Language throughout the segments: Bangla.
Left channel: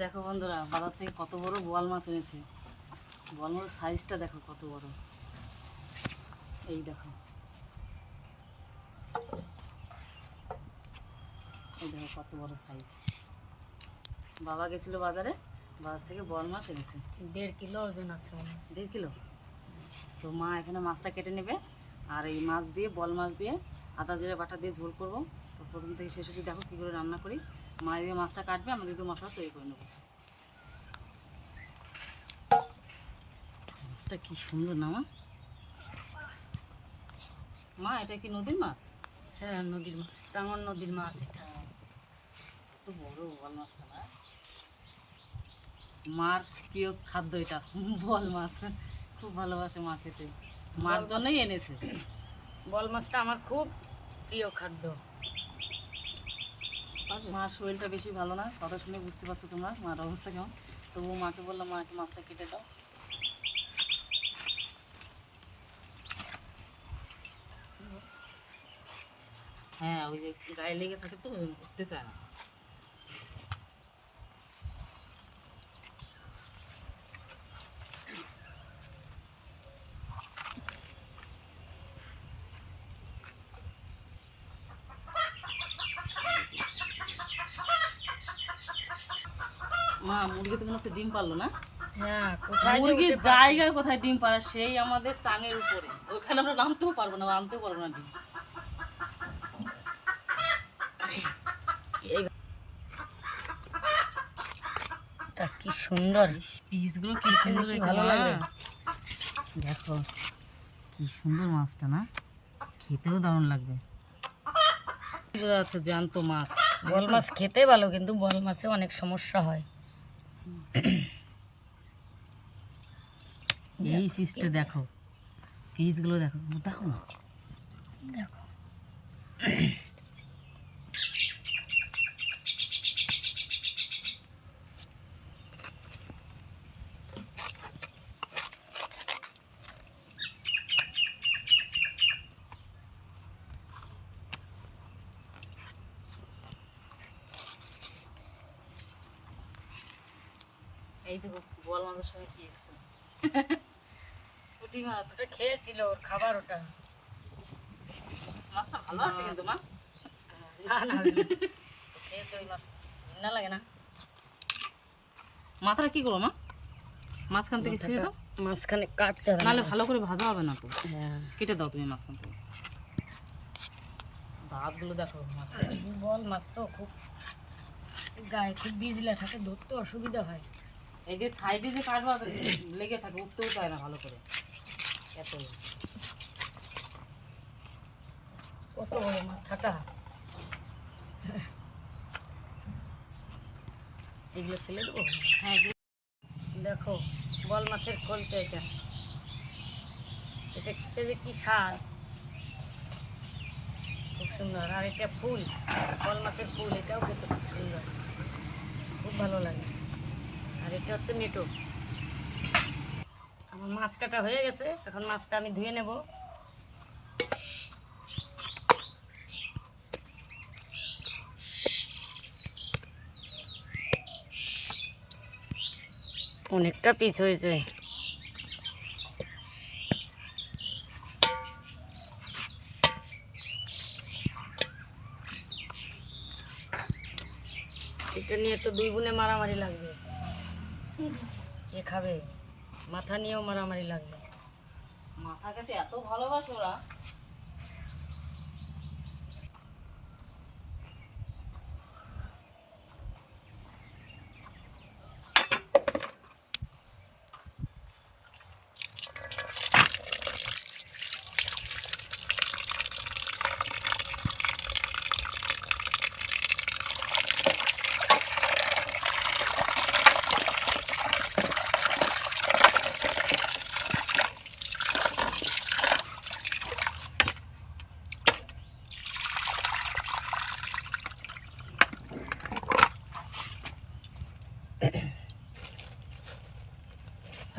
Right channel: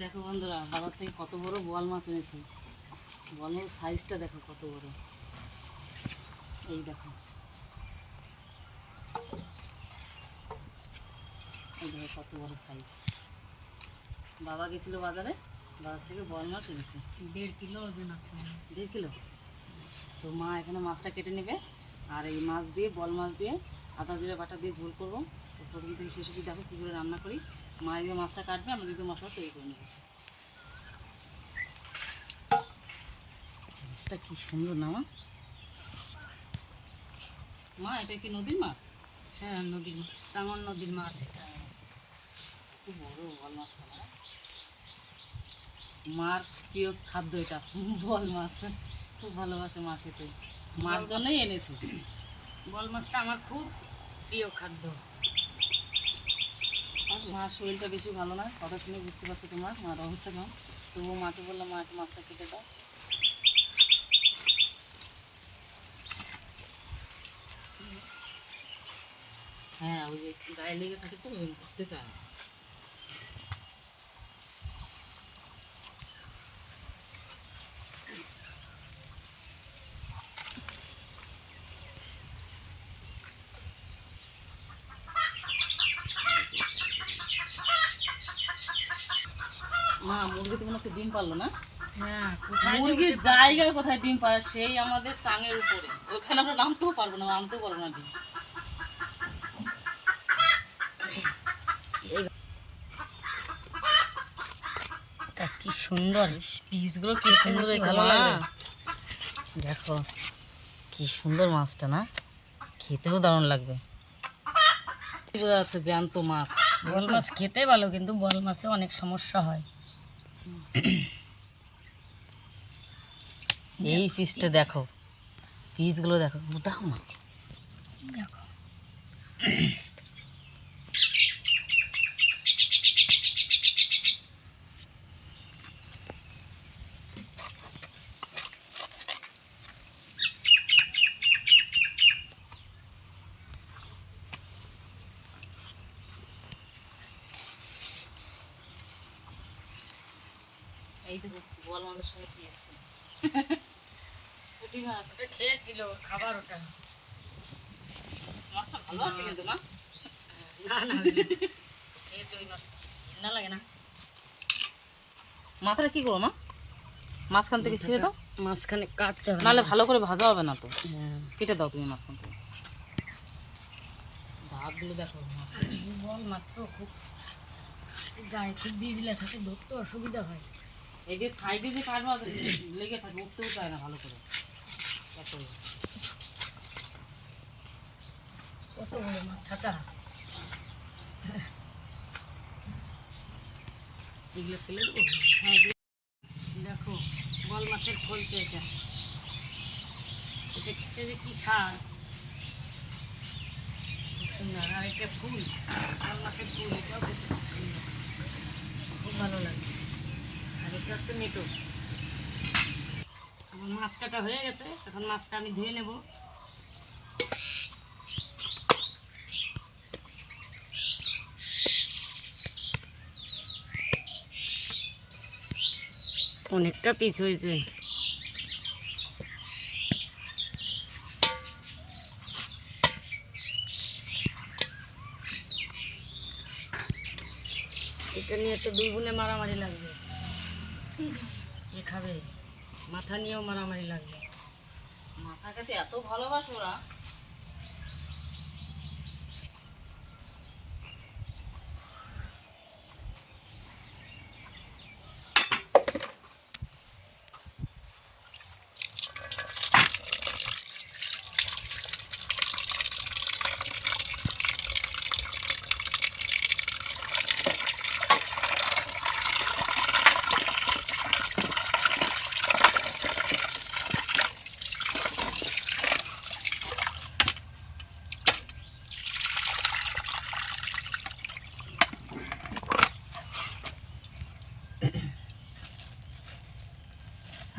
দেখো বন্ধুরা বাজার থেকে কত বড় বোয়াল মাছ এনেছি। বোয়াল মাছের সাইজটা দেখো কত বড়। এই দেখো। এই দেখো কত বড় সাইজ বাবা গেছিল বাজারে বাজার থেকে বোয়াল মাছ এনেছে। দেড় কিলো ওজন আছে। দেড় কিলো? তো মা এখানে মাছটা কেটে নেবে আর এই মাছ দিয়ে বল মাছ দিয়ে আদা জিরে বাটা দিয়ে ঝোল করব। তো প্রথম থেকে শেষ অবধি দেখো কী করে রান্না করি। মা দিয়ে মাছটা কাটবে আমরা কিন্তু মশলা তৈরি করে নেব। মাছটা কি সুন্দর না মা? মা এটা কি নদীর মাছ? হ্যাঁ নদীর মাছ। টাঙ্গর নদীর মাছ এটা। কত বড় বল মাছটা না। মার প্রিয় খাদ্য এটা বল মাছ। খুব ভালোবাসে মা খেতে। মার জন্যই এনেছে। বল মাছটা আমার খুব প্রিয় খাদ্য। মার শরীরটা বেশি ভালো না? কথা শুনে বুঝতে পারছ তোমার মার অবস্থা কেমন? তবুও মাকে বলল মা, একটু মাছটা কেটে দাও। হ্যাঁ ওই যে গায়ে লেগে থাকে তো উঠতে চায় না। মা মুরগি তো মনে হচ্ছে ডিম পারল না। হ্যাঁ মুরগির জায়গায় কোথায় ডিম পারে সেই আমাদের চাঙের উপরে। ওখানে আমরা নামতেও পারব না আনতেও পারব না ডিম। কি সুন্দর। পিসগুলো কি সুন্দর ভালো লাগে। দেখো কি সুন্দর মাছটা না? খেতেও দারুণ লাগবে। বোঝা যাচ্ছে জ্যান্ত মাছ। বল মাছ খেতে ভালো কিন্তু বল মাছে অনেক সমস্যা হয়। এই ফিসটা দেখো। ফিসগুলো দেখো। দাও না। দেখো এই দেখো বল মাছের সঙ্গে কি এসছে পুঁটি মাছ খেয়েছিল খাবার ওটা। মাছটা ভালো আছে কিন্তু মা? না না খেয়েছে ওই মাছ। ঘৃণা লাগে না। মাথাটা কি করব মা? মাঝখান থেকে ছিঁড়ে দাও। মাঝখানে কাটতে হবে নাহলে ভালো করে ভাজা হবে না তো। হ্যাঁ। কেটে দাও তুমি মাঝখান থেকে। দাঁতগুলো দেখো মাছ বল মাছ তো খুব গায়ে খুব বিজলে থাকে ধরতে অসুবিধা হয়। এই যে সাইডে যে কাটবা লেগে থাকে উঠতেও চায় না ভালো করে। কত বড় এগুলো ফেলে দেবো? হ্যাঁ দেখো, বল মাছের খোলতে এটা। এটা খেতে যে কি সার খুব সুন্দর। আর এটা ফুল, বল মাছের ফুল, এটাও খেতে খুব সুন্দর। খুব ভালো লাগে। আর এটা হচ্ছে মেটো। আমার মাছ কাটা হয়ে গেছে। এখন মাছটা আমি ধুয়ে নেব। অনেকটা পিস হয়েছে। এটা নিয়ে তো দুই বোনে মারামারি লাগবে। খাবে? মাথা নিয়েও মারামারি লাগবে। খেতে এত ভালোবাসো ওরা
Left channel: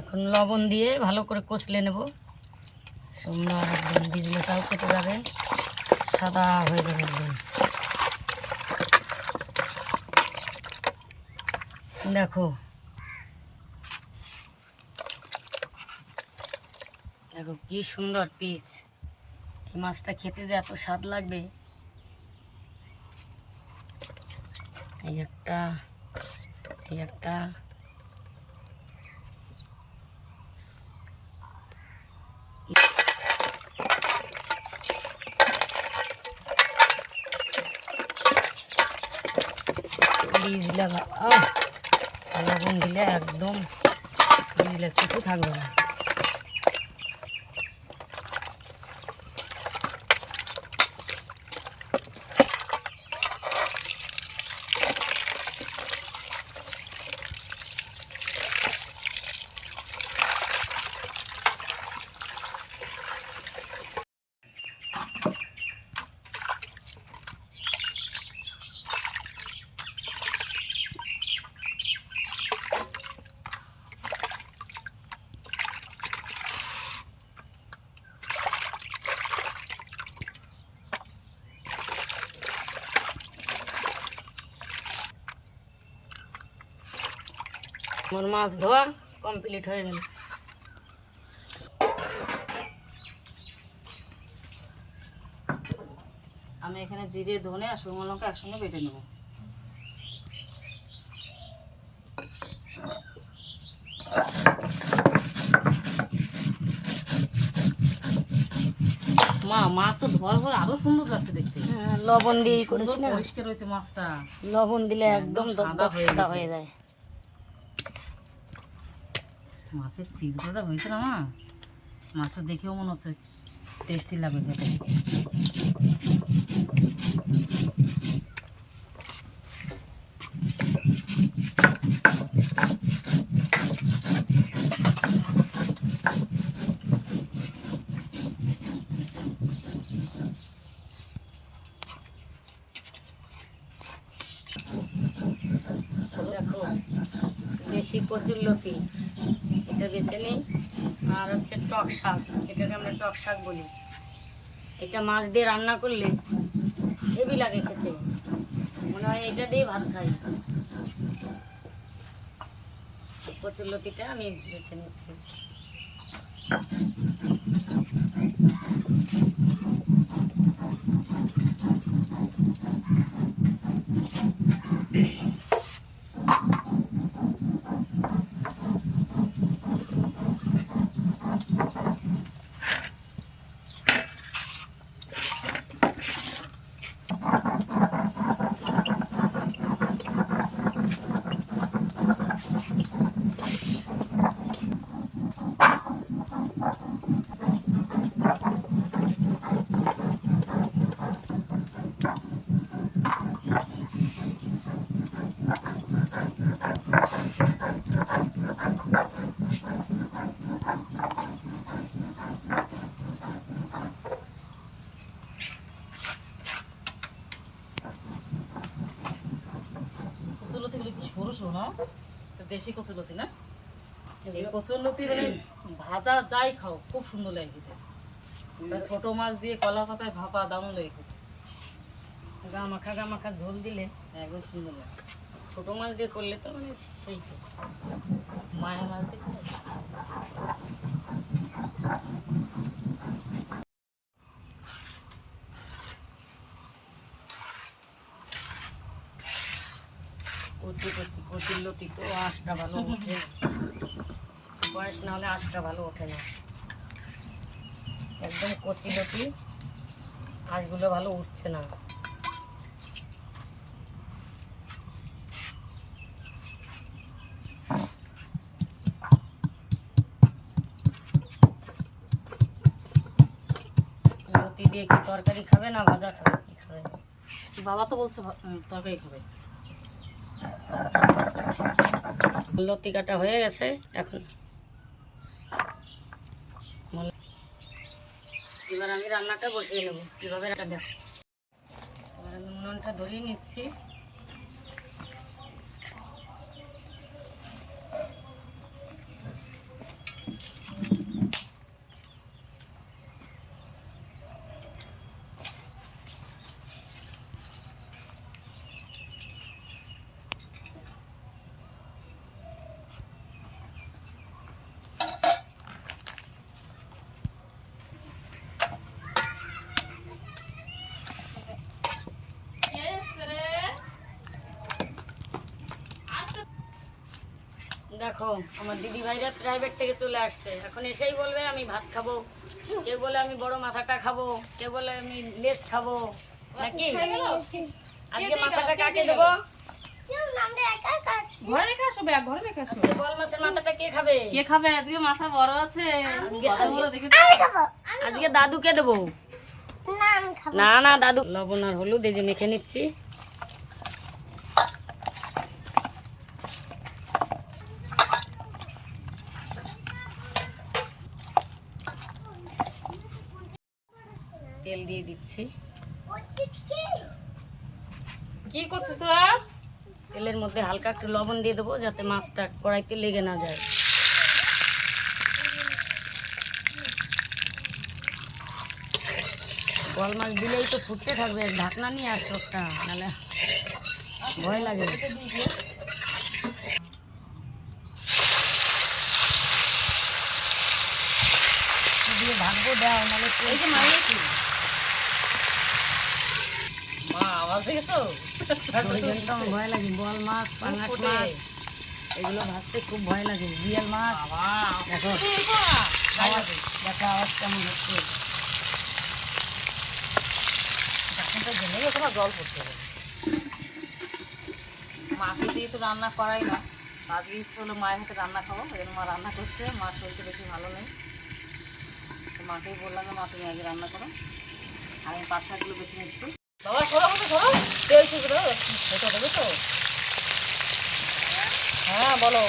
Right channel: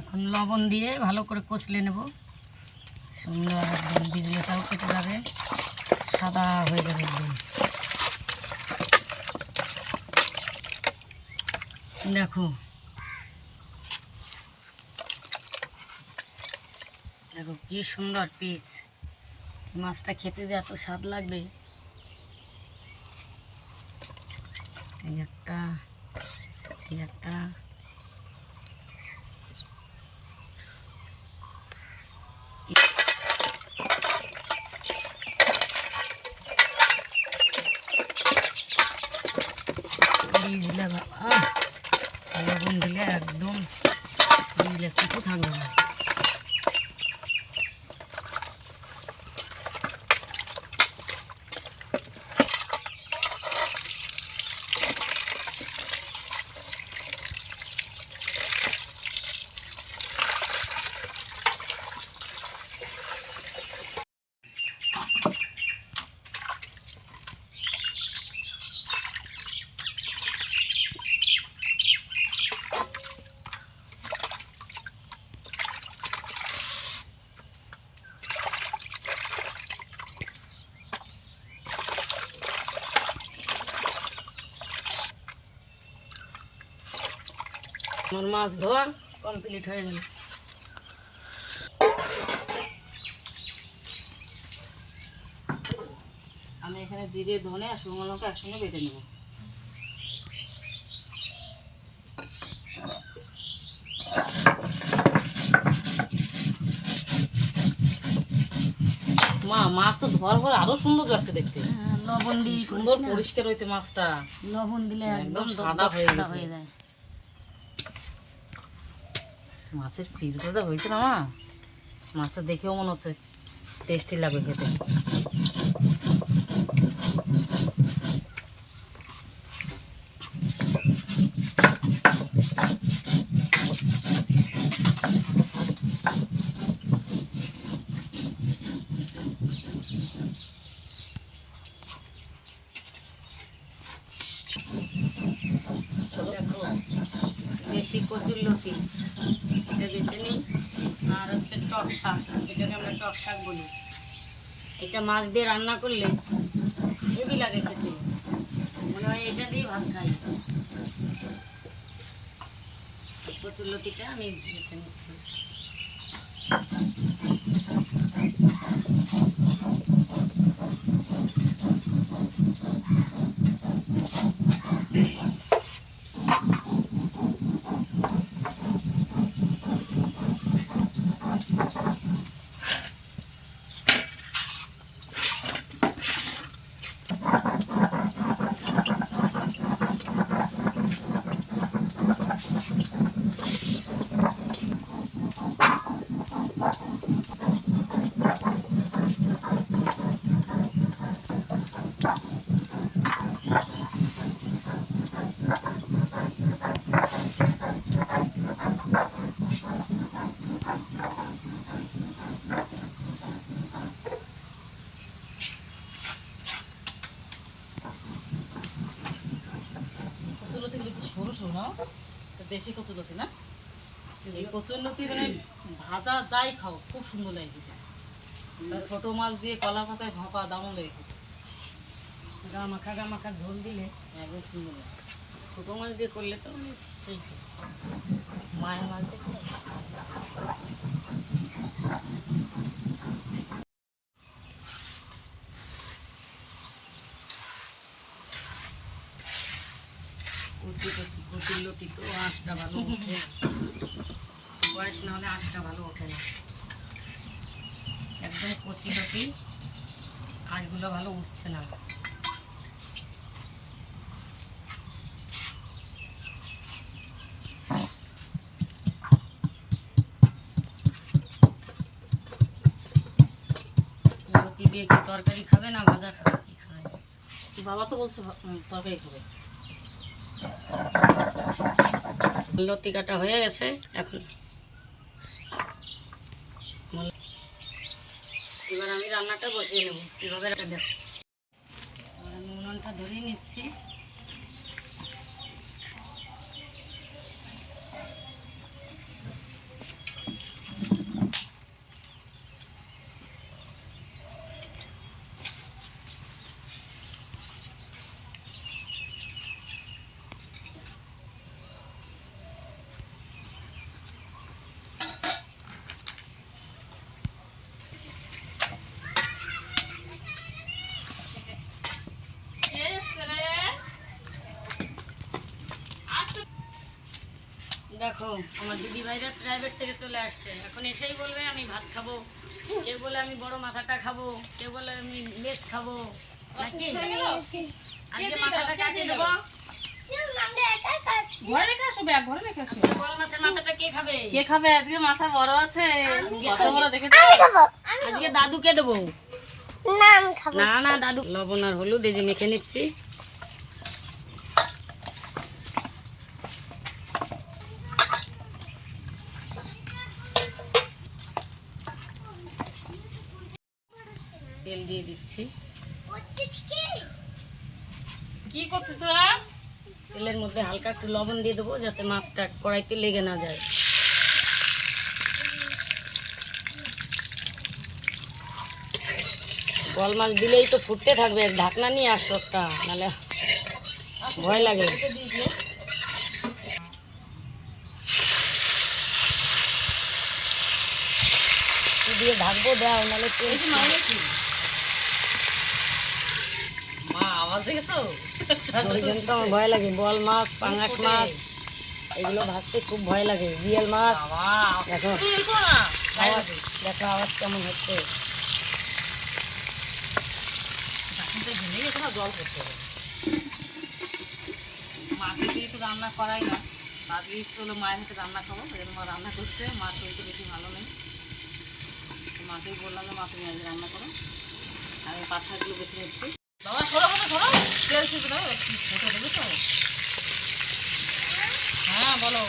এখন লবণ দিয়ে ভালো করে কষলে নেব। সুন্দর একদম বিজলিটাও কেটে যাবে সাদা হয়ে যাবে একদম। দেখো। দেখো কি সুন্দর পিস এই মাছটা খেতে যে এত স্বাদ লাগবে। এই একটা এই একটা। আহ, লবণ দিলে একদম দিলে কিছু থাকবে না। আমার মাছ ধোয়া কমপ্লিট হয়ে গেল। আমি এখানে জিরে ধনে আর শুকনো লঙ্কা একসঙ্গে বেটে নেব। মা মাছ তো ধোয়ার পরে আরও সুন্দর লাগছে দেখতে। হ্যাঁ, লবণ দিয়ে সুন্দর পরিষ্কার হয়েছে মাছটা। লবণ দিলে একদম সাদা। হয়ে যায়। মাছের পিসগুলো যা হয়েছে না? মা মাছটা দেখেও মনে হচ্ছে টেস্টি লাগবে খেতে। দেশি কচুর লতি। এটা বেছে নিই। আর হচ্ছে টক শাক, এটাকে আমরা টক শাক বলি। এটা মাছ দিয়ে রান্না করলে হেভি লাগে খেতে। মনে হয় এটা দিয়ে ভাত খাই। প্রচুর লতিটা আমি বেছে নিচ্ছি কচুলতিগুলো কি সরু সরু না তো দেশি কচুলতি না? এই কচুলতি মানে ভাজা যাই খাও খুব সুন্দর লাগে খেতে। ছোট মাছ দিয়ে কলা পাতায় ভাপা দামও লাগে খেতে। গা মাখা গা মাখা ঝোল দিলে একদম সুন্দর লাগে। ছোটো মাছ দিয়ে করলে তো মানে সেই মায়া মায়ের মাছ দেখতে কচু কচু কচুর লতি তো আঁশটা ভালো ওঠে। বয়স না হলে আঁশটা ভালো ওঠে না। একদম কচি লতি আঁশগুলো ভালো উঠছে না। দিয়ে কি তরকারি খাবে না ভাজা খাবে? কি খাবে? বাবা তো বলছে তরকারি খাবে। লতি কাটা হয়ে গেছে, এখন। এবার আমি রান্নাটা বসিয়ে নেব। এভাবে দেখো। এবার আমি উনুনটা ধরিয়ে নিচ্ছি। দেখো আমার দিদি ভাইরা প্রাইভেট থেকে চলে আসছে। এখন এসেই বলবে আমি ভাত খাব। কেউ বলে আমি বড় মাথাটা খাব। কেউ বলে আমি লেস খাব। নাকি? আজকে মাথাটা কাকে দেবো? ঘরে রেখে ব্যাগ ঘরে রেখে আসো। মাছের মাথাটা কে খাবে? কে খাবে? আজকে মাথা বড় আছে। কত বড় দেখেছ আজকে দাদুকে দেবো। না না দাদু। লবণ আর হলুদ এই যে মেখে নিচ্ছি তেল দিয়ে দিচ্ছি কি করছিস তোরা তেলের মধ্যে হালকা একটু লবণ দিয়ে দেবো যাতে মাছটা কড়াইতে লেগে না যায়। বল মাছ দিলেই তো ফুটতে থাকবে ঢাকনা নিয়ে আসো একটা মানে ভয় লাগে। দিয়ে ঢাকবো দেয় নাহলে দেখেছ? ভয় লাগে বল মাছ পাঙাশ। মাছ এগুলো ভাজতে খুব ভয় লাগে বিয়াল মাছ। দেখো। যাবে দেখো আওয়াজ কেমন হচ্ছে। জল পড়তে হবে মাকে দিয়ে তো রান্না করাই না। আজকে ইচ্ছে হলো মায়ের মতো রান্না খাব এই মা রান্না করছে মার শরীরটা বেশি ভালো নেই। মাকেই বললাম যে মা তুমি আজকে রান্না করো। আমি পাট শাকগুলো বেছে নিচ্ছি বাবা সরো হাতে সরো তেল ছিদ্র ছোটো দেবে তো? হ্যাঁ বলো।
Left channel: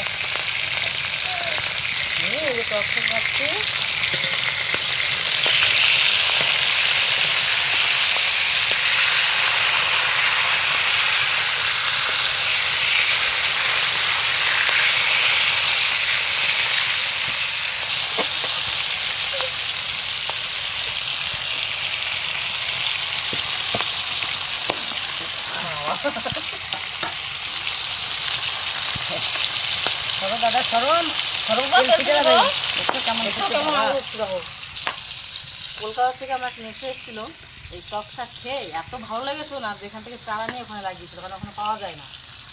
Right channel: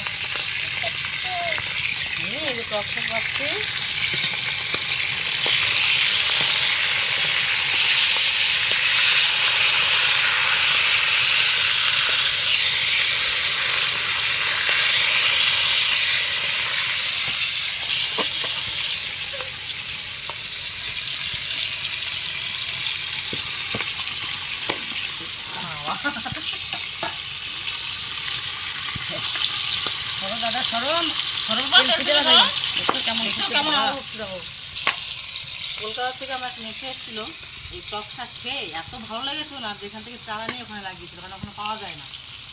হুম, এই যে টক রাখছি সরো দাদা সরম সরো তেল ছিটে রাখো। দেখো কেমন কলকাতা থেকে আমরা মেখে এসেছিল এই টক শাক খেয়ে এত ভালো লেগেছিল না যেখান থেকে চারা নিয়ে ওখানে লাগিয়েছিল কারণ ওখানে পাওয়া যায় না।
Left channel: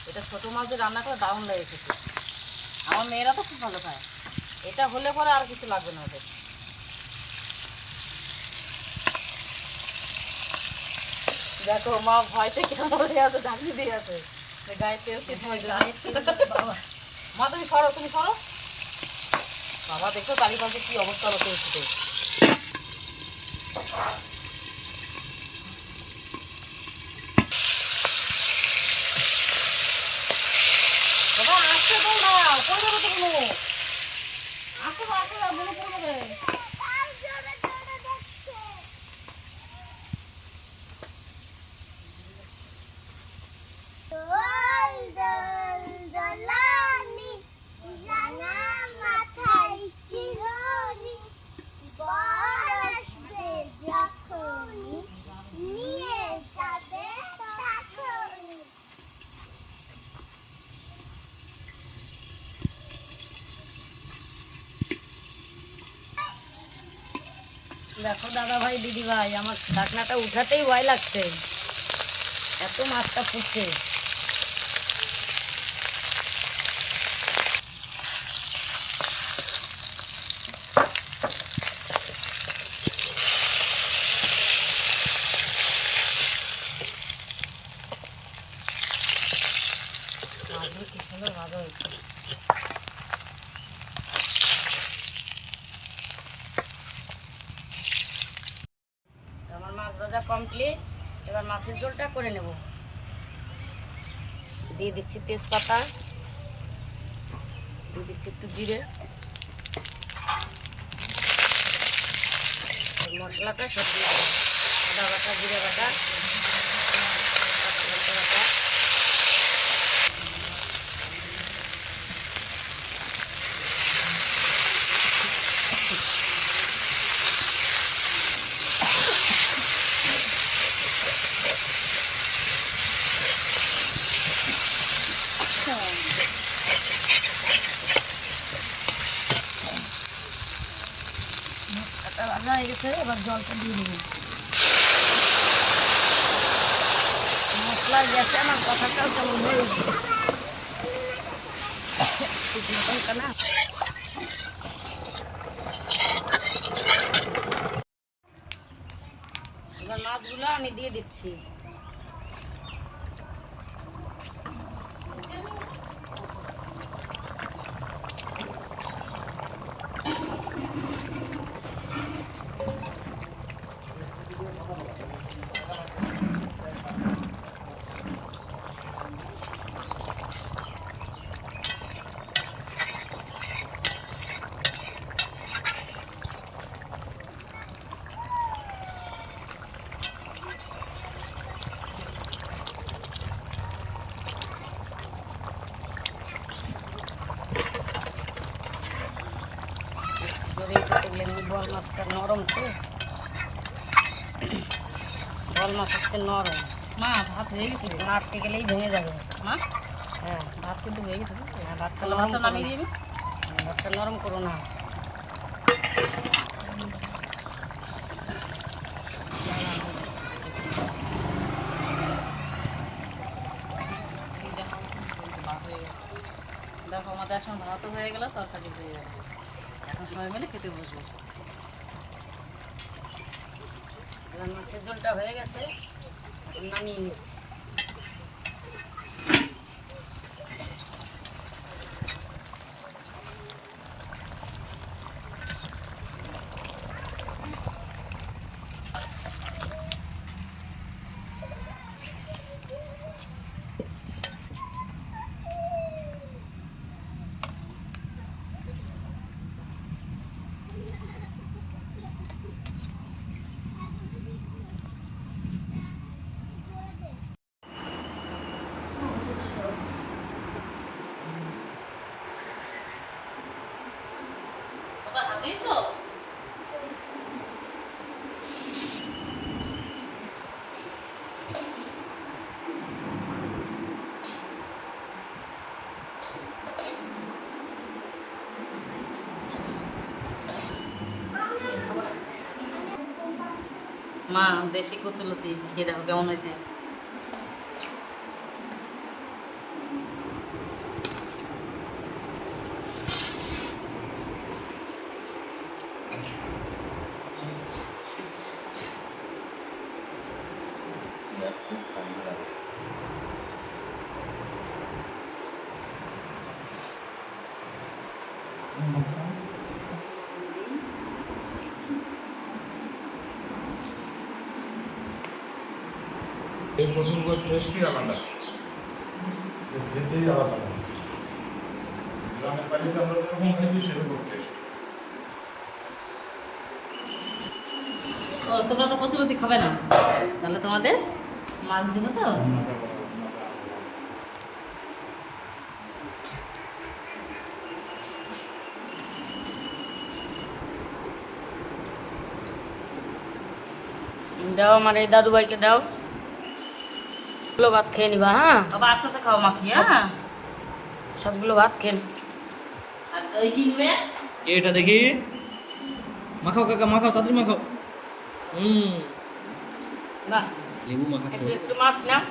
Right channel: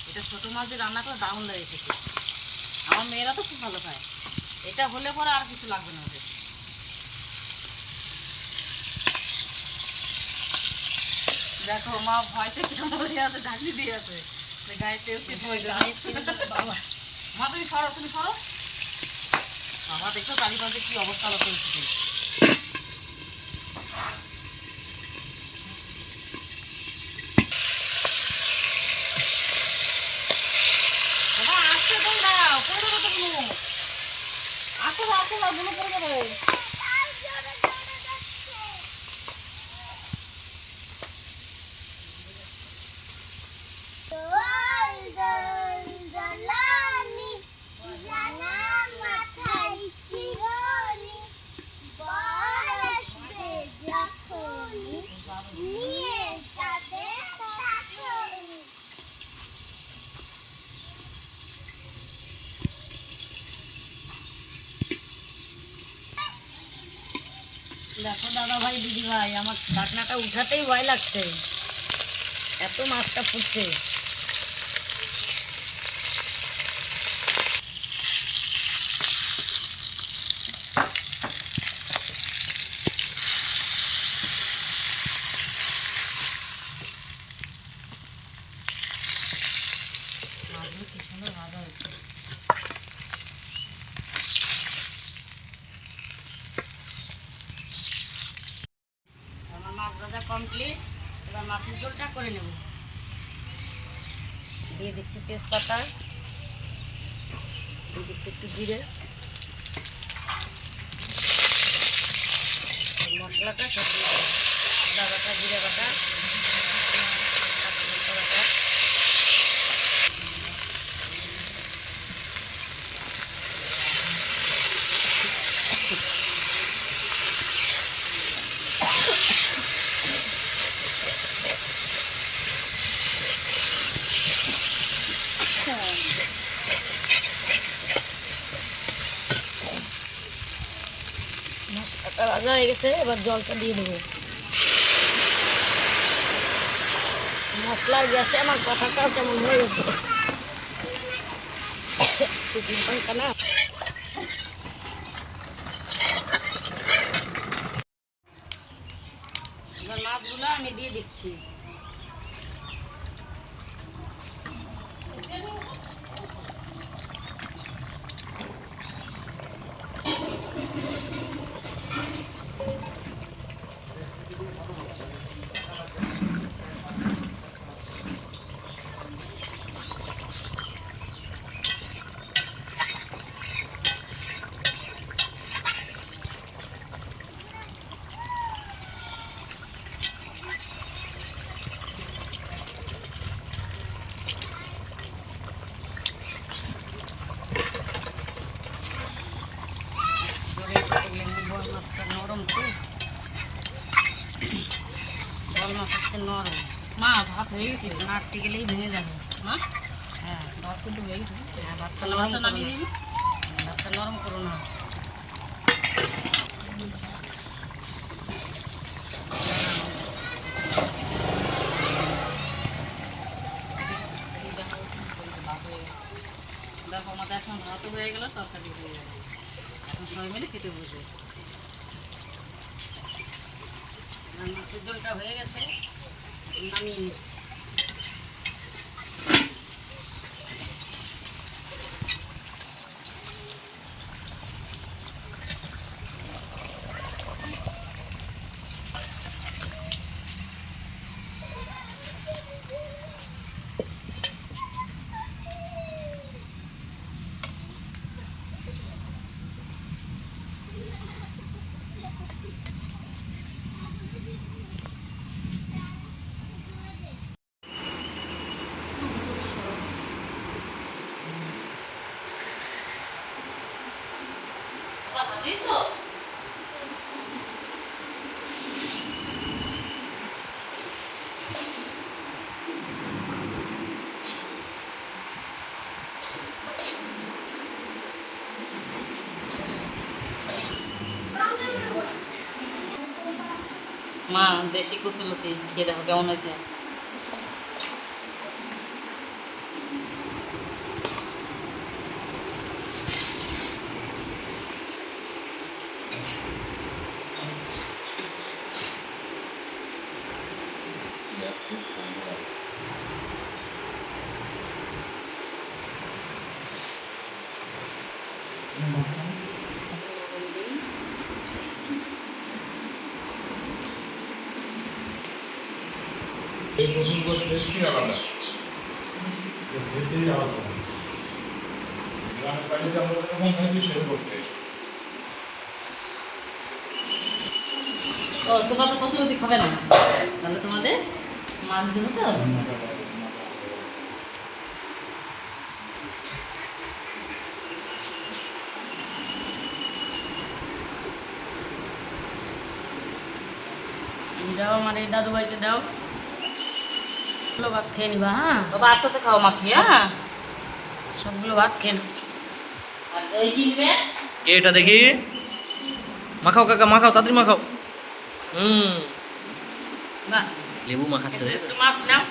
এটা ছোটো মাছ দিয়ে রান্না করে দারুণ লেগে খেতে। আমার মেয়েরা তো খুব ভালো খায়। এটা হলে পরে আর কিছু লাগবে না ওদের। দেখো মা ভয়তে কেমন হয়ে আছে ঢাকনি দিয়ে আছে। গায়ে তেল মা তুমি সরো তুমি সরো। বাবা দেখো কালীগঞ্জে কি অবস্থা হতে হচ্ছে বাবা আসতে দাও না কই যাব তুমি আসতে দাও আসতে দাও বুড়ো পড়ে যাবে দোল দোল দোলানি জানা মাথায় চিরনি বর আসবে যখনই নিয়ে যাবে তখনই দেখো দাদা ভাই দিদি ভাই আমার ঢাকনাটা উঠাতেই ভয় লাগছে। এত মাছটা ফুটছে মাছগুলো কি সুন্দর ভাজা হয়েছে আমার মাছ ভাজা কমপ্লিট এবার মাছের ঝোলটা করে নেব। দিয়ে দিচ্ছি তেজপাতা। দিয়ে দিচ্ছি একটু জিরে। মশলাটা সব দিয়ে দেবো। জিরে বাটা লঙ্কা বাটা। মশলাটা ভাজা হয়ে গেছে এবার জলটা দিয়ে দেবো। মশলার গেছে আমার কথাটা কেমন হয়ে না আমি দিয়ে দিচ্ছি লেবু বল মাছটা নরম তো বল মাছ হচ্ছে নরম মা ভাত হয়ে গেছে মারতে গেলেই ভেঙে যাবে। মা? হ্যাঁ ভাত কিন্তু হয়ে গেছে ভাতটা তাহলে ভাতটা নামিয়ে দিবি। ভাতটা নরম করো না। দেখো আমাদের এখন ভাতও হয়ে গেল তরকারি হয়ে গেল। এখন সময় মিলে খেতে বসবো। মাছের ঝোলটা হয়ে গেছে নামিয়ে নিচ্ছি। দিয়েছ মা দেশি কচুলতি খেয়ে দেখো কেমন হয়েছে? এই কচুরগুলো টেস্টই আলাদা। খেতেই আলাদা। গ্রামের বাড়িতে আমরা যেরকম খাইছি সেরকম টেস্ট। ও তোমরা তো কচুলতি খাবে না। তাহলে তোমাদের? মাছ দেবো তো? দাও আমার এই দাদুভাইকে দাও। সবগুলো ভাত খেয়ে নিবা হ্যাঁ? বাবা আস্তে আস্তে খাও মাখি হ্যাঁ? সবগুলো ভাত খেয়ে নিবা আর জয় কিনবে কে এটা দেখি। মাখাও কাকা মাখাও তাড়াতাড়ি মাখাও। হুম। বাহ, লেবু মাখাচ্ছে মাছ নাও।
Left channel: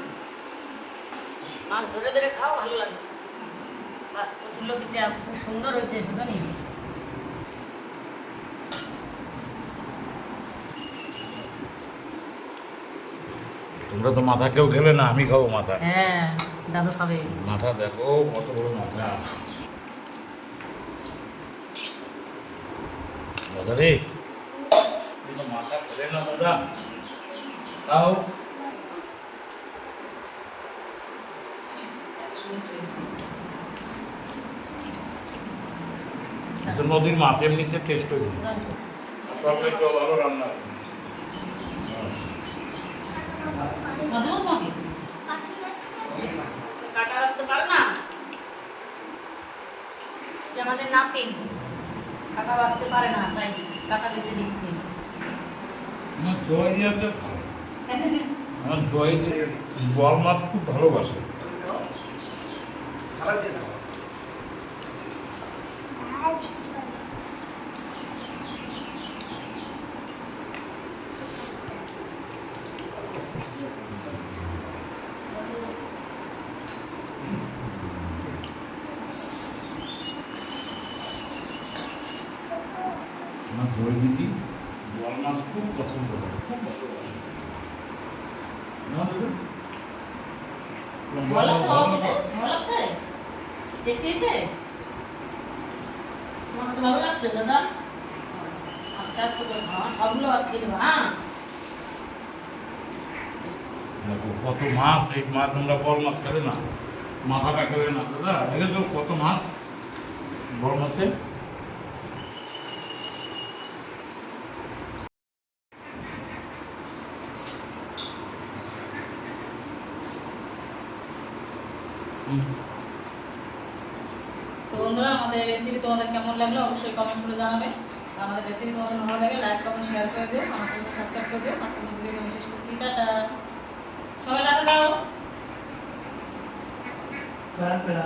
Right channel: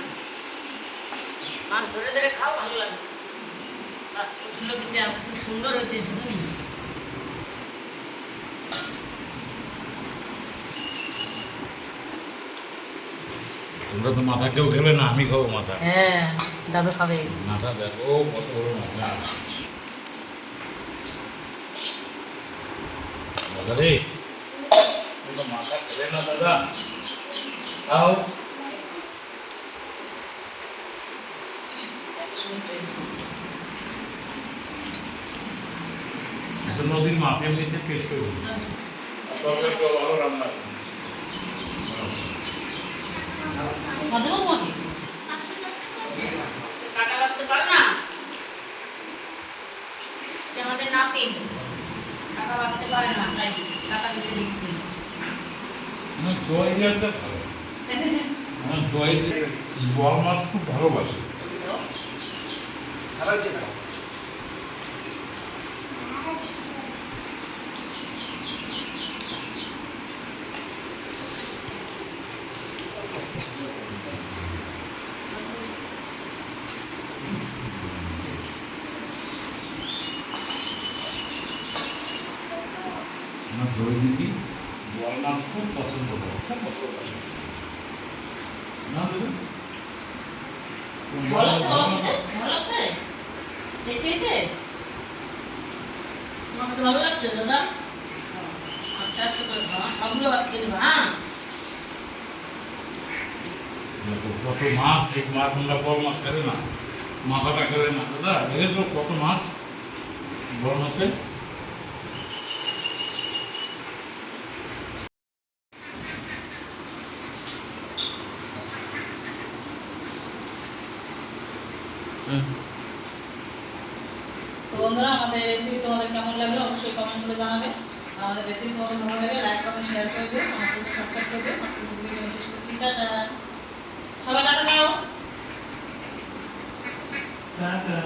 মাছ ধরে ধরে খাও ভালো লাগে। সুন্দর হয়েছে শুধু তোমরা তো মাথা কেউ খেলে না আমি খাব মাথা। হ্যাঁ দাদু খাবে। মাথা দেখো কত বড় মাথা। দাদা রে তোমরা মাথা খেলে না দাদা? খাও তো নদীর মাছ এমনিতে টেস্ট হবে তরকারিটাও ভালো রান্না বাঁচতে পারো না যে আমাদের নাতি কাকা বাঁচতে পারে না তাই কাটা বেছে দিচ্ছে জয় ভালো জয় দিয়ে বল মাছ খুব ভালোবাসে। জয় দিদি বল মাছ খুব পছন্দ করে খুব পছন্দ করে না দিদি? ভালো লাগছে বাবা খেতে? ভালো লাগছে টেস্টি হয়েছে তোমার তো ভালো লাগছে দাদা দেখো, কত মাছ, এই মাছ আমরা বড় মাছ খেলে না। মাথাটা খেলে না, দাদা। দেখেছ কত মাছ? বড় হুম। তো বন্ধুরা, আমাদের রেসিপি তোমাদের কেমন লাগল? অবশ্যই কমেন্ট করে জানাবে। আমাদের রেসিপি তোমাদের ভালো লাগে লাইক কমেন্ট শেয়ার করে দিও, আমার সঙ্গে সাবস্ক্রাইব করে দিও আজকে ভিডিও শেষ করছি, টাটা। সবাই টাটা দাও। টাটা।